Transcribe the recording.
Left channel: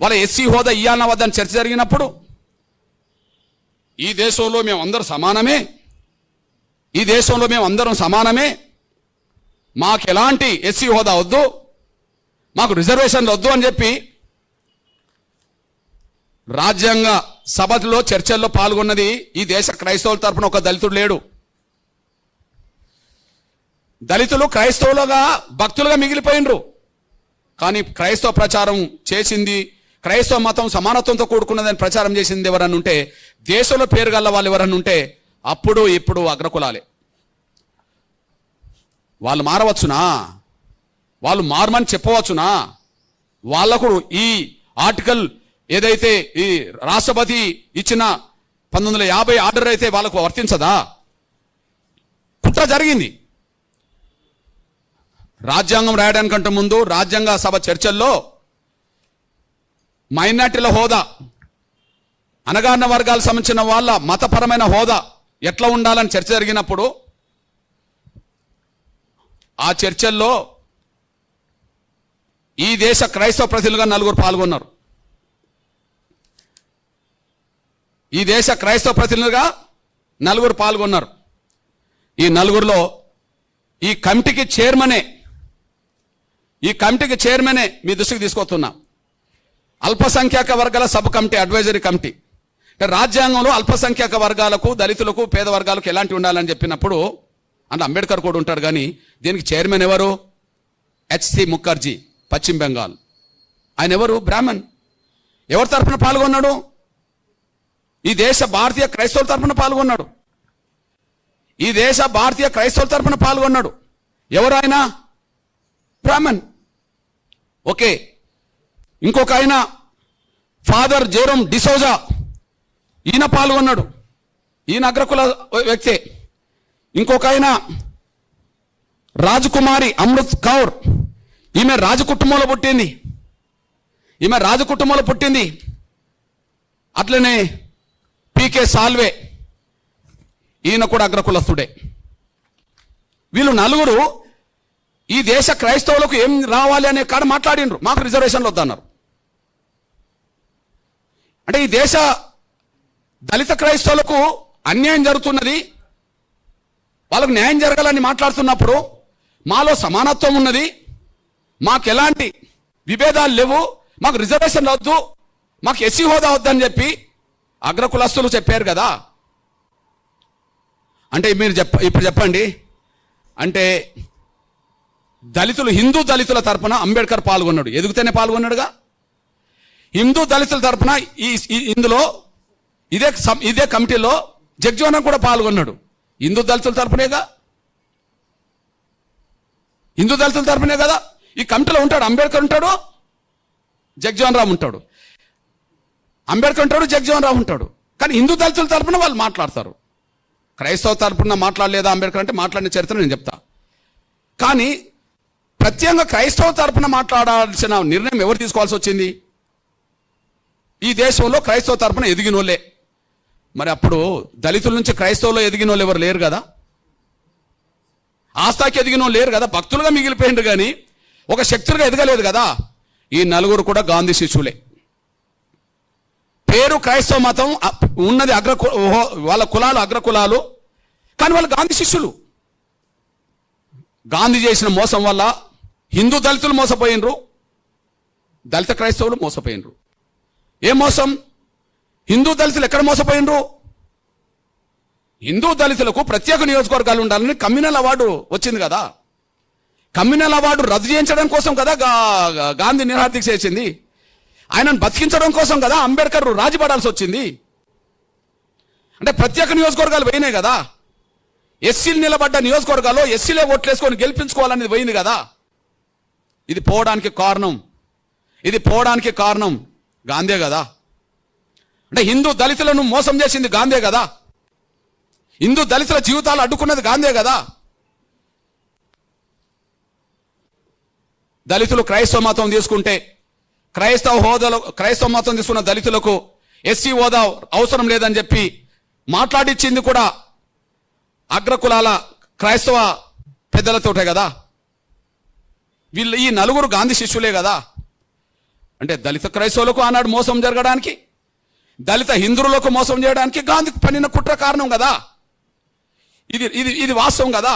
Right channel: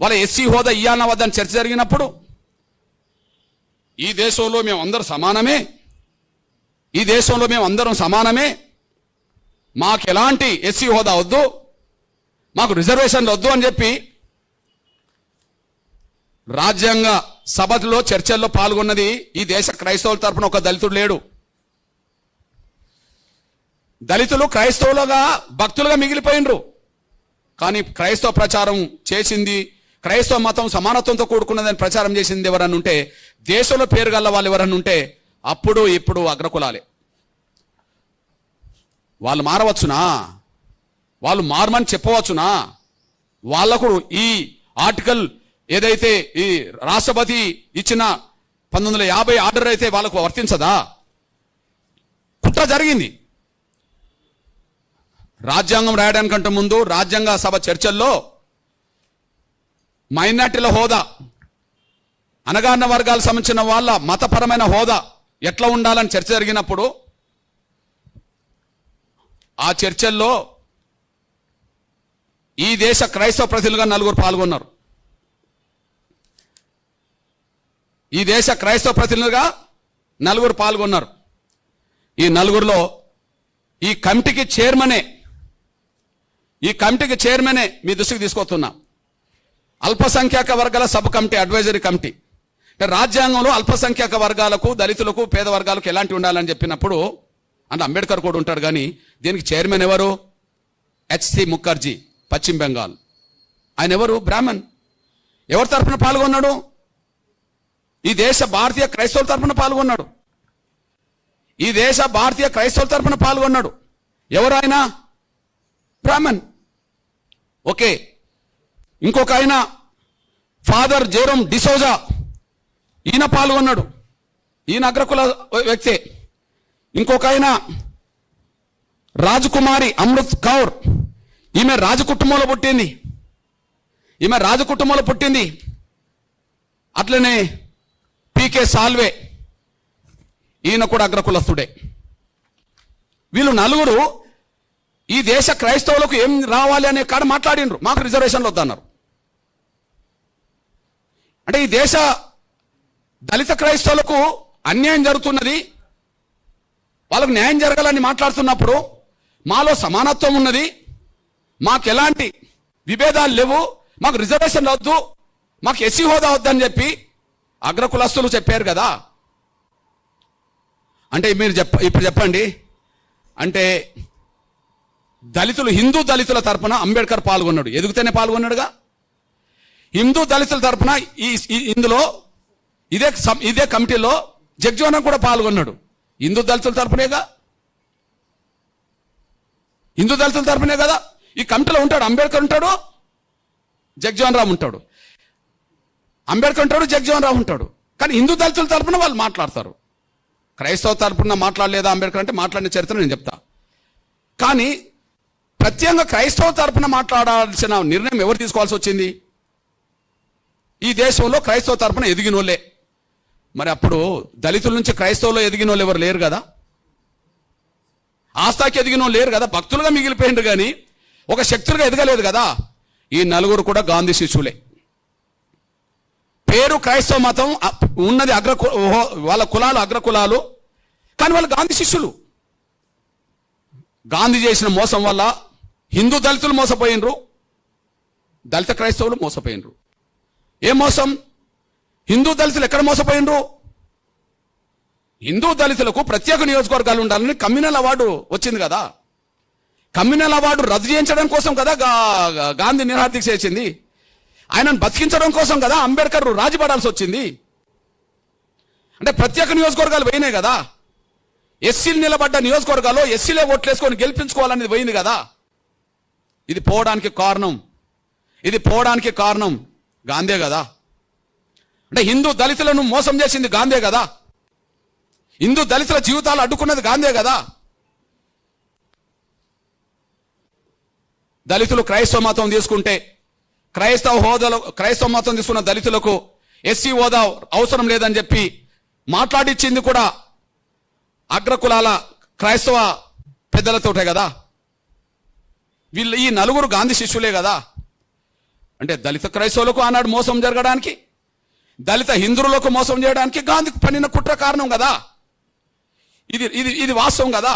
వాళ్ళ ఎస్సీ హోదా ఇయ్యాలన్న వద్దని చర్చ జరిగినప్పుడు ఈ దేశంలో మేము అందరం సమానమే, ఈ దేశంలో మేము అందరం సమానమే, మాకు ఎలాంటి ఎస్సీ హోదా వద్దు, మాకు రిజర్వేషన్లు వద్దు అని చెప్పి రాజ్యాంగ సభలో చర్చల్లో పాల్గొన్నది ఈ దేశ క్రైస్తవుల తరపున ఒక దళితుడు లేడు. దళితులు క్రైస్తవులుగా భక్తులుగా మిగిలిపోయినరు. కానీ క్రైస్తవ ప్రచారం చేసింది, క్రైస్తవ మతం సమానత్వంతో కూడుకున్నదని ప్రచారం చేసింది ఎవరన్నా ఉంటే, దేశంలో పేరు గల్ల వాళ్ళు ఎవరన్నా ఉంటే అప్పుడు ఇప్పుడు అగ్రకులాలే. వాళ్ళు మారవచ్చునా? వాళ్ళు మారమని చెప్పవచ్చునా? వాళ్లకు ఈ ఆర్టికల్ ఏదైతే ఈ రాష్ట్రపతి ఇచ్చిన 1950 ఆర్డర్ అయితే వాళ్ళకు వర్తించదా? కుట్ర జరిగింది. రాజ్యాంగం రాయడానికంటే ముందు రాజ్యాంగ సభ చర్చల్లో మైనార్టీల హోదా, అణగారిన వర్గాలకు సంబంధించిన వాళ్ళ మతపరమైన హోదా ఎట్లా ఉండాలని చర్చ జరిగినప్పుడు ఆ చర్చల్లో ఈ దేశ క్రైస్తవ ప్రతినిధులుగా 4 పాల్గొన్నారు. ఈ దేశ క్రైస్తవ ప్రతినిధులుగా 4 పాల్గొన్నారు. ఈ 4లో ఈ కమిటీకి చైర్మనే మీ దృష్టికి తీసుకొస్తున్నా. అల్పసంఖ్యాక వర్గాల సబ్ కమిటీ, అడ్వైజరీ కమిటీ. రాజ్యాంగంలో అల్పసంఖ్యాక వర్గాలకు, దళితులకు, పేద వర్గాలకు ఎలాంటి ఉండాలని చెప్పినప్పుడు అంటే అంబేద్కర్ కూడా ఉంటాడు. కానీ దీనికి చైర్మన్ ఎవరు? హెచ్సి ముఖర్జీ, పశ్చిమ బెంగాల్. ఆయన ఎవరు? బ్రాహ్మణ్. ఎవరి తరఫున పాల్గొన్నాడు? ఈ దేశ భారతీయ క్రైస్తవుల తరఫున పాల్గొన్నాడు. ఈ దేశ భారతీయ క్రైస్తవుల తరఫున పాల్గొన్నాడు. ఎవరు ఆయన? బ్రాహ్మణ్. ఓకే. ఇంకొక ఆయన ఫాదర్ జెరోమ్ డిసోజా, ఈయన పాల్గొన్నాడు. ఈయన అగ్రకుల వ్యక్తే. ఇంకొక ఆయన రాజకుమారి అమృత్ కౌర్, ఈమె రాజకుటుంబంలో పుట్టింది. అట్లనే పీకే సాల్వే, ఈయన కూడా అగ్రకులస్తుడే. వీళ్ళు 4 ఈ దేశ క్రైస్తవులకు ఏం రావాలి అనే కాడ మాట్లాడినరు. మాకు రిజర్వేషన్లు వద్దన్నారు. అంటే ఈ దేశ దళిత క్రైస్తవులకు అన్యాయం జరుగుతున్నది, వాళ్ళకు న్యాయం జరగాలని మాట్లాడుతున్నప్పుడు మాలో సమానత్వం ఉన్నది, మాకు ఎలాంటి విభేదాలు లేవు, మాకు రిజర్వేషన్ వద్దు, మాకు ఎస్సీ హోదా వద్దని చెప్పి అగ్రకులస్తులు చెప్పారు కదా. అంటే మీరు ఇప్పుడు చెప్పండి, అంటే దళితులు, హిందూ దళితుల తరపున అంబేద్కర్ పాల్గొన్నాడు, ఎదుగుతూనే పాల్గొన్నాడుగా. హిందూ దళితుల తరపున ఇందులో ఇదే కమిటీలో జగ్జీవన్ కూడా పాల్గొన్నాడు. హిందూ దళితుల తరపునే కదా ఈ కమిటీలో ఉంటాడు. అంబేద్కర్ ఉంటాడు, జగ్జీవన్ రామ్ ఉంటాడు. అంబేద్కర్ ఉంటాడు, జగ్జీవన్ రామ్ ఉంటాడు. కానీ హిందూ దళితుల తరపున వాళ్ళు మాట్లాడతారు. క్రైస్తవ తరపున మాట్లాడలేదా అంబేద్కర్ అంటే మాట్లాడిన చరిత్ర నేను చెప్తా. కానీ ప్రత్యేకంగా క్రైస్తవ తరపున మాట్లాడాల్సిన నిర్ణయం ఎవరు తీసుకోవాల్సి వచ్చింది? ఈ దేశంలో క్రైస్తవ తరపున ఎదిగిన వాళ్ళే. మరి అప్పుడు దళితుల నుంచి క్రైస్తవులో ఎదిగిన వాళ్ళు ఎవరు లేరు కదా, ఆస్థాకి ఎదిగిన వాళ్ళు లేరు కదా, భక్తులుగా మిగిలిపోయిండు. కానీ ఒక శక్తులుగా ఎదగలేదు కదా. ఈ 4 కూడా గాంధీ శిష్యులే. పేరు క్రైస్తవ మతం ఉన్నది, వాళ్ళ కులాలు అగ్రకులాలు, కానీ వాళ్ళు గాంధీ శిష్యులు. గాంధీ చేసిన మోసం వల్ల హిందూ దళితులు మోసపోయినరు, దళిత క్రైస్తవులు మోసపోయినరు. ఏ మోసం? హిందూ దళితులు ఎక్కడ మోసపోయినరు? హిందూ దళితులకు ప్రత్యేక నియోజకవర్గాలు ఉండాలని కమ్యూనల్ అవార్డు వచ్చింది కదా. కమ్యూనల్ అవార్డు రద్దు చేయించడం కోసం కదా గాంధీ నిరాదీక్ష చేసింది. ఆయనను బతికించడం కోసం కదా అంబేద్కర్ రాజీపడాల్సి వచ్చింది. అంటే ప్రత్యేక నియోజకవర్గాలు పోయినాయి కదా. ఎస్సీలు నిలబడ్డ నియోజకవర్గాల్లో ఎస్సీలే ఓట్లేసుకొని గెలిపించుకోవాలనేది పోయింది కదా. ఇది పోవడానికి కారణం గాంధీ కదా. అంటే హిందూ దళితులను మోసం చేసింది గాంధీ కదా. హిందూ దళితుల జీవితాలు అడ్డుకున్నది గాంధీ కదా. దళితులు క్రైస్తవ మతం తీసుకుంటే, క్రైస్తవ మతం తీసుకున్న దళితులకు ఎస్సీ హోదా అవసరం లేదని చెప్పి మాట్లాడిచ్చింది కూడా అగ్రకులాల క్రైస్తవ పెద్దలతోటే కదా. వీళ్ళు ఈ 4 గాంధీ శిష్యులే కదా. అంటే దళిత క్రైస్తవులకు ఆనాడు మోసం జరగడానికి, దళిత హిందువులకు మోసం చేయడానికి గాంధీ పన్నిన కుట్ర కారణం కదా. ఇది వాస్తవం కదా.